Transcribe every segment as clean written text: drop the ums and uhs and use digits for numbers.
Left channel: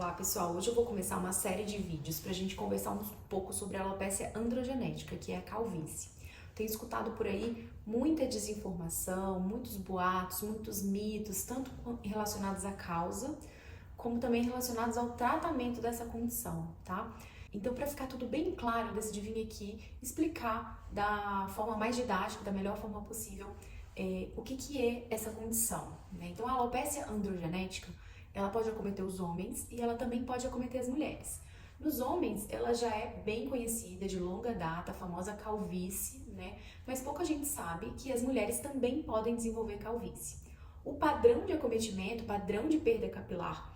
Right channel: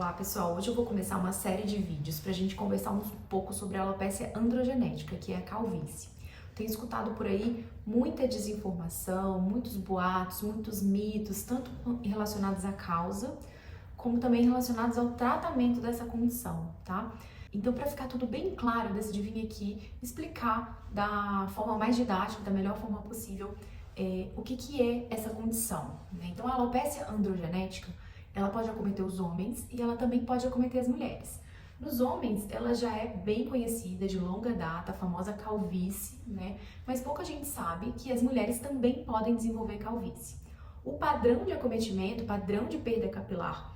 Olá pessoal, hoje eu vou começar uma série de vídeos para a gente conversar um pouco sobre a alopecia androgenética, que é a calvície. Tenho escutado por aí muita desinformação, muitos boatos, muitos mitos, tanto relacionados à causa, como também relacionados ao tratamento dessa condição, tá? Então, para ficar tudo bem claro, eu decidi vir aqui explicar da forma mais didática, da melhor forma possível, o que é essa condição, né? Então, a alopecia androgenética, ela pode acometer os homens e ela também pode acometer as mulheres. Nos homens, ela já é bem conhecida, de longa data, a famosa calvície, né? Mas pouca gente sabe que as mulheres também podem desenvolver calvície. O padrão de acometimento, o padrão de perda capilar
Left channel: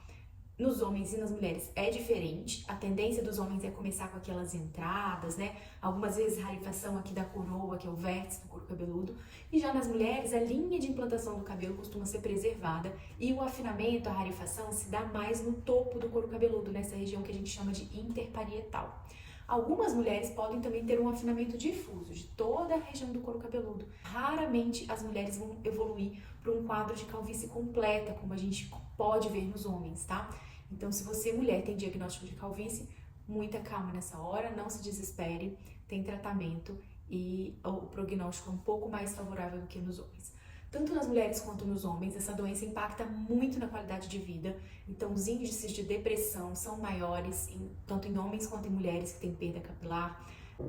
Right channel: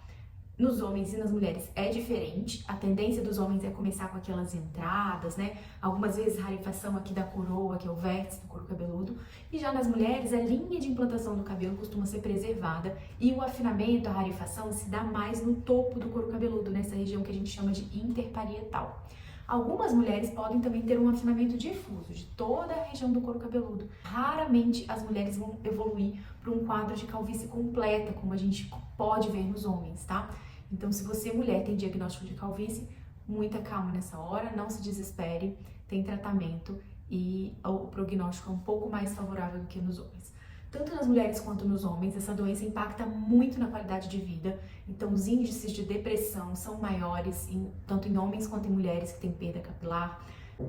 nos homens e nas mulheres é diferente. A tendência dos homens é começar com aquelas entradas, né? Algumas vezes rarefação aqui da coroa, que é o vértice do couro cabeludo. E já nas mulheres, a linha de implantação do cabelo costuma ser preservada e o afinamento, a rarefação, se dá mais no topo do couro cabeludo, nessa região que a gente chama de interparietal. Algumas mulheres podem também ter um afinamento difuso de toda a região do couro cabeludo. Raramente as mulheres vão evoluir para um quadro de calvície completa, como a gente pode ver nos homens, tá? Então, se você, mulher, tem diagnóstico de calvície, muita calma nessa hora, não se desespere, tem tratamento e o prognóstico é um pouco mais favorável do que nos homens. Tanto nas mulheres quanto nos homens, essa doença impacta muito na qualidade de vida. Então, os índices de depressão são maiores, tanto em homens quanto em mulheres que têm perda capilar.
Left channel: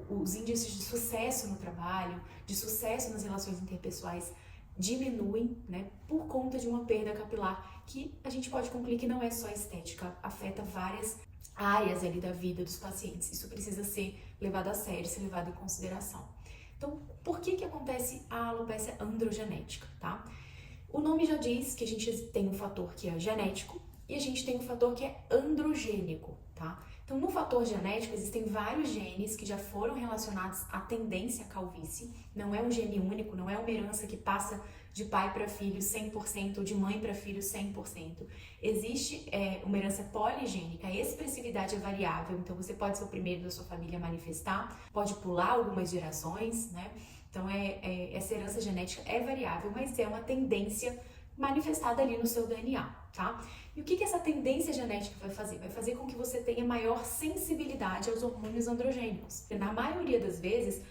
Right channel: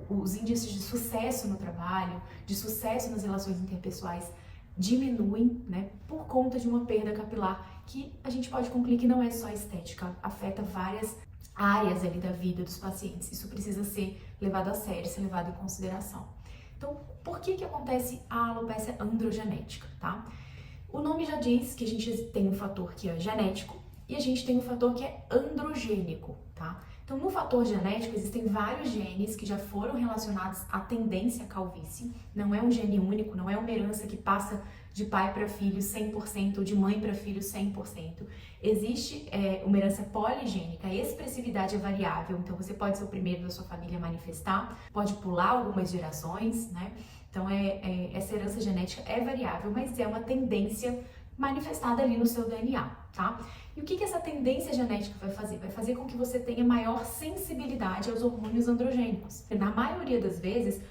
Os índices de sucesso no trabalho, de sucesso nas relações interpessoais diminuem, né, por conta de uma perda capilar que a gente pode concluir que não é só estética, afeta várias áreas ali da vida dos pacientes. Isso precisa ser levado a sério, ser levado em consideração. Então, por que acontece a alopecia androgenética, tá? O nome já diz que a gente tem um fator que é genético e a gente tem um fator que é androgênico, tá? Então, no fator genético, existem vários genes que já foram relacionados à tendência à calvície. Não é um gene único, não é uma herança que passa de pai para filho 100% ou de mãe para filho 100%. Existe uma herança poligênica, a expressividade é variável, então você pode ser o primeiro da sua família a manifestar, pode pular algumas gerações, né? Então, essa herança genética é variável, mas é uma tendência manifestada ali no seu DNA, tá? E o que essa tendência genética vai fazer? Vai fazer com que você tenha maior sensibilidade aos hormônios androgênicos. Na maioria das vezes,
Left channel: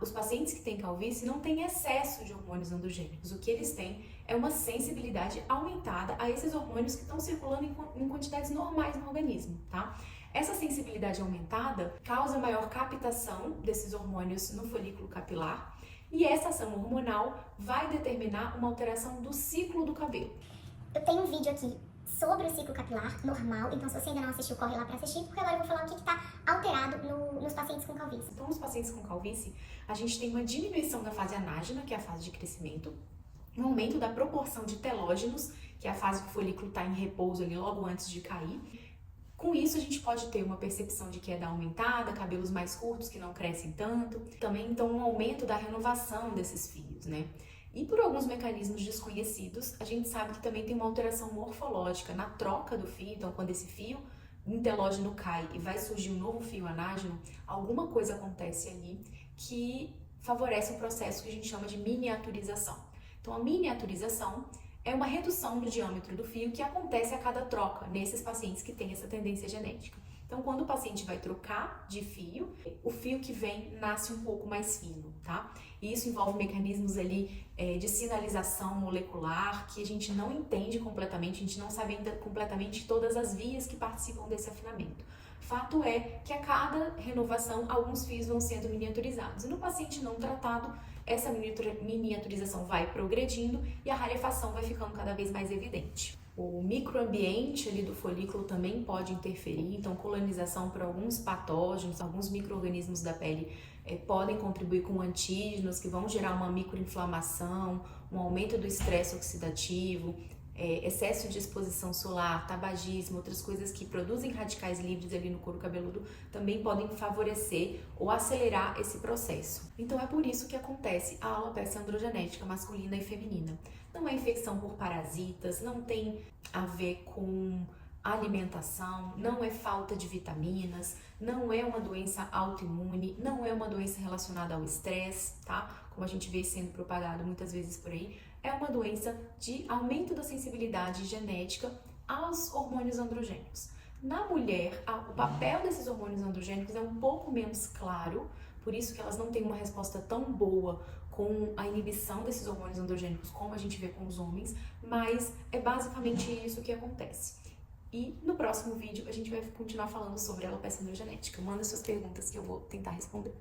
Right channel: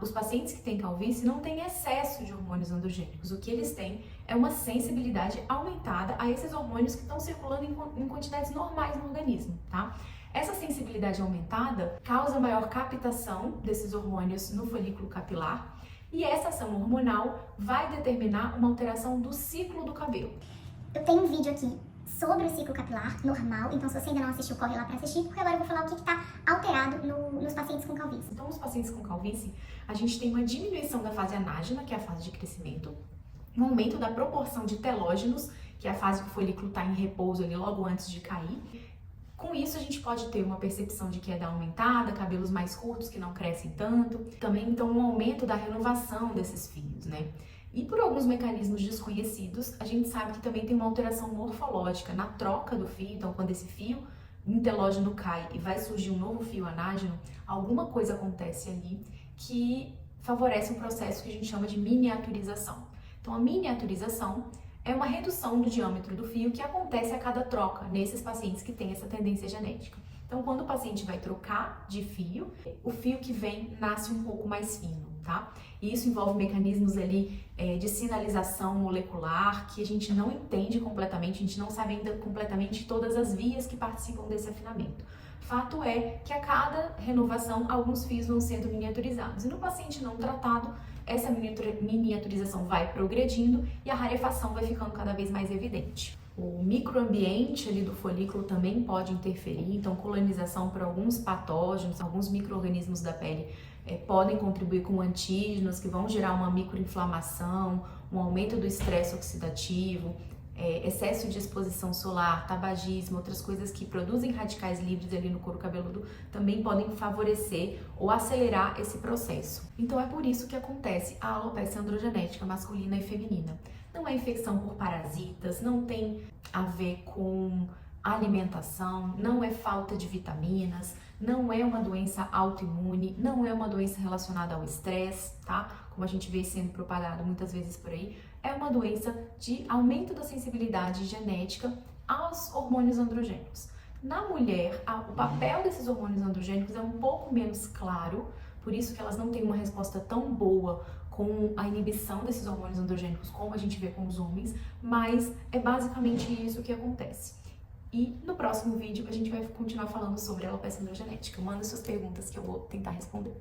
os pacientes que têm calvície não têm excesso de hormônios androgênicos. O que eles têm é uma sensibilidade aumentada a esses hormônios que estão circulando em quantidades normais no organismo, tá? Essa sensibilidade aumentada causa maior captação desses hormônios no folículo capilar e essa ação hormonal vai determinar uma alteração do ciclo do cabelo. Eu tenho um vídeo aqui sobre o ciclo capilar normal, então se você ainda não assistiu, corre lá para assistir, porque agora eu vou falar o que está alterado nos pacientes com calvície. Então, nos pacientes com calvície, a gente tem uma diminuição da fase anágena, que é a fase de crescimento, um aumento da proporção de telógenos, que é a fase que o folículo está em repouso ali logo antes de cair. Com isso, a gente pode ter uma percepção de queda aumentada, cabelos mais curtos que não crescem tanto. Também, então, um aumento da renovação desses fios, né? E por alguns mecanismos desconhecidos, a gente sabe que também tem uma alteração morfológica na troca do fio. Então, quando esse fio telógeno cai e vai surgir um novo fio anágeno, alguma coisa acontece ali que favorece um processo que a gente chama de miniaturização. Então, a miniaturização é uma redução do diâmetro do fio que acontece a cada troca nesses pacientes que têm essa tendência genética. Então, quando o paciente vai trocar de fio, o fio que vem nasce um pouco mais fino, tá? E isso envolve mecanismos ali de sinalização molecular que a gente não entende completamente, a gente não sabe ainda completamente todas as vias que participam desse afinamento. Fato é que a cada renovação, alguns fios vão sendo miniaturizados. E no paciente não tratado, essa miniaturização vai progredindo e a rarefação vai ficando cada vez mais evidente. O microambiente ali do folículo também pode interferir, então colonização por alguns patógenos, alguns micro-organismos da pele podem contribuir com antígenos que vão gerar uma microinflamação, um aumento do estresse oxidativo, excesso de exposição solar, tabagismo, outras coisas que produzem radicais livres ali no couro cabeludo também podem favorecer ou acelerar esse processo. Então é por isso que acontece a alopecia androgenética masculina e feminina. Não é infecção por parasitas, não tem a ver com alimentação, não é falta de vitaminas, não é uma doença autoimune, não é uma doença relacionada ao estresse, tá? Como a gente vê sendo propagado muitas vezes por aí, é uma doença de aumento da sensibilidade genética aos hormônios androgênicos. Na mulher, o papel desses hormônios androgênicos é um pouco menos claro, por isso que elas não têm uma resposta tão boa com a inibição desses hormônios androgênicos como a gente vê com os homens, mas é basicamente isso que acontece. E no próximo vídeo a gente vai continuar falando sobre alopecia androgenética. Manda suas perguntas que eu vou tentar responder.